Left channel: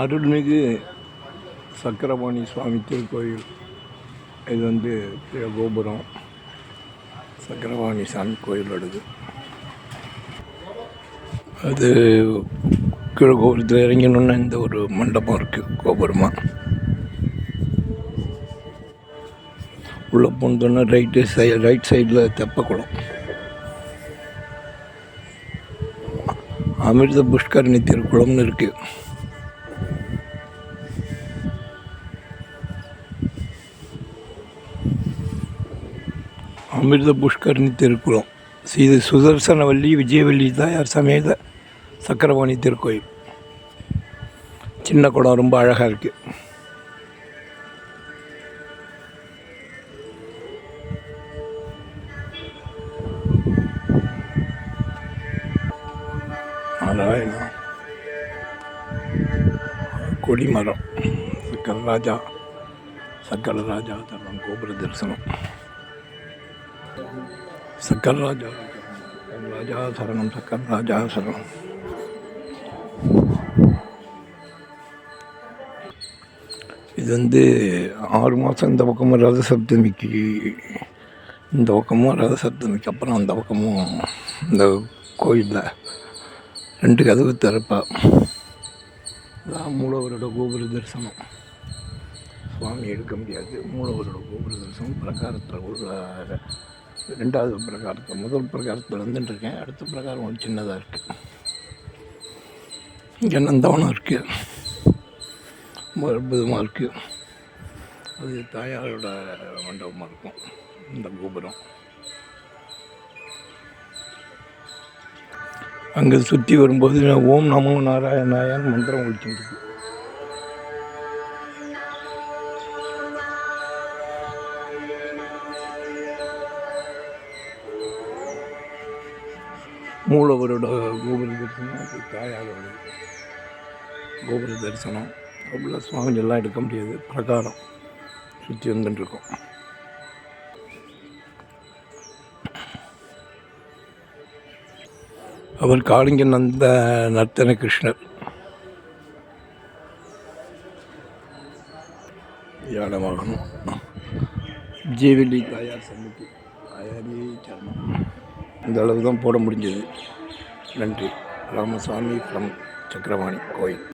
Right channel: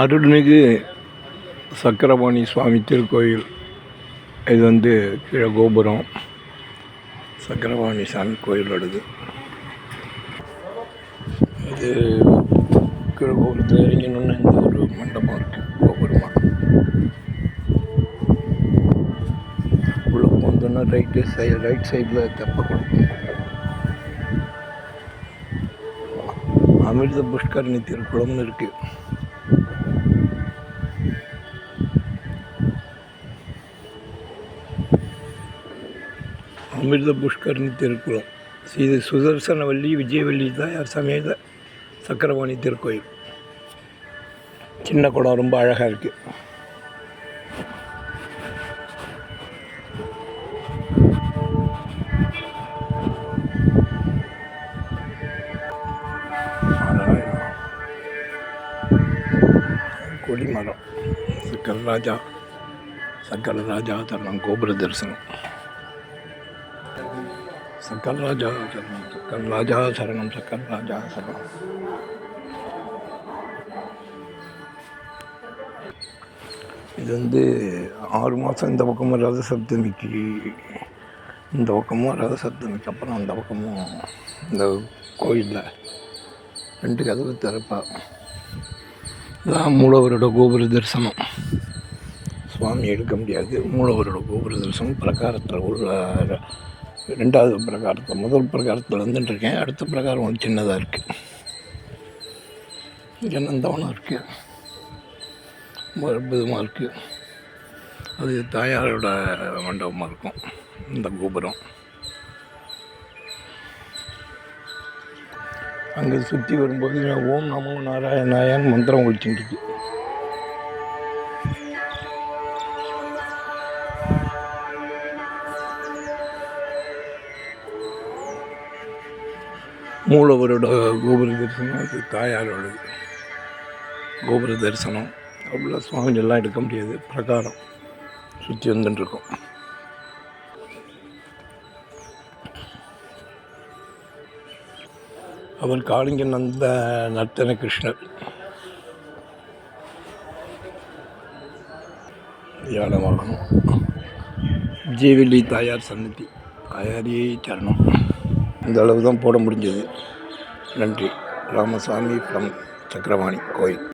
அருள்மிகு சக்கரபாணி சுவாமி திருக்கோயில். இது வந்து கீழே கோபுரம். சக்கரபாணி சாமி கோயிலோடது அது கீழே கோபுரத்தில் இறங்கணுன்னு இந்த ஒரு மண்டபம் இருக்குது கோபுரமாக உள்ளே போனோன்னா ரைட்டு சை ரைட் சைடில் தெப்பக்குளம் அமிர்த புஷ்கரணி திருக்குளம்னு இருக்குது அமிர்த புஷ்கரணி திருக்குளம் ஸ்ரீ சுதர்சனவல்லி விஜயவல்லி தாயார் சமேத சக்கரவாணி திருக்கோயில். சின்ன குடம் ரொம்ப அழகாக இருக்குது அதான் கொடிமரம். சக்கரராஜா சக்கரராஜா தரம் கோபுர தரிசனம். சக்கர் ராஜா சக்கர் ராஜா சரணம் சக்கர் ராஜா சரணம். இது வந்து ஆறு மாதம் இந்த பக்கமும் ரத சப்தமிக்கு. இந்த பக்கமும் ரத சப்தமிக்கு. அப்புறம் அந்த பக்கமும் இந்த கோயிலில் ரெண்டு கதவு திறப்பா. இதான் மூலவரோட கோபுர தரிசனம். சுவாமி எடுக்க முடியாது. மூலவரோட கோபுர தரிசனம் பிரகாரத்தில் உள்ள ரெண்டாவது பிரகாரத்தில் முதல் பிரகாரத்தில் வந்துட்டுருக்கேன் அடுத்த பிரகாரம் கொஞ்சம் சின்னதாக இருக்குது இங்கே நந்தவனம் இருக்குது அற்புதமாக இருக்குது அது தாயாரோட மண்டபமாக இருக்கும். இந்த கோபுரம். அங்கே சுற்றி வரும்போது ஓம் நமோ நாராயணாயான்னு மந்திரம் ஒழிச்சுட்டு மூலவரோட கோபுர தரிசனம் தாயாரோட கோபுர தரிசனம் அப்படிலாம் சுவாமிகள்லாம் எடுக்க முடியாது. பிரகாரம் சுற்றி வந்துட்டுருக்கோம். அவர் காளிங்க நந்த நர்த்தன கிருஷ்ணர். யானமாகணும் வாகனம் தாயார் சன்னதி. தாயாரியே சரணம். இந்த அளவு தான் போட முடிஞ்சது. நன்றி. ராமசாமி ஃப்ரம் சக்கரவாணி கோயில்.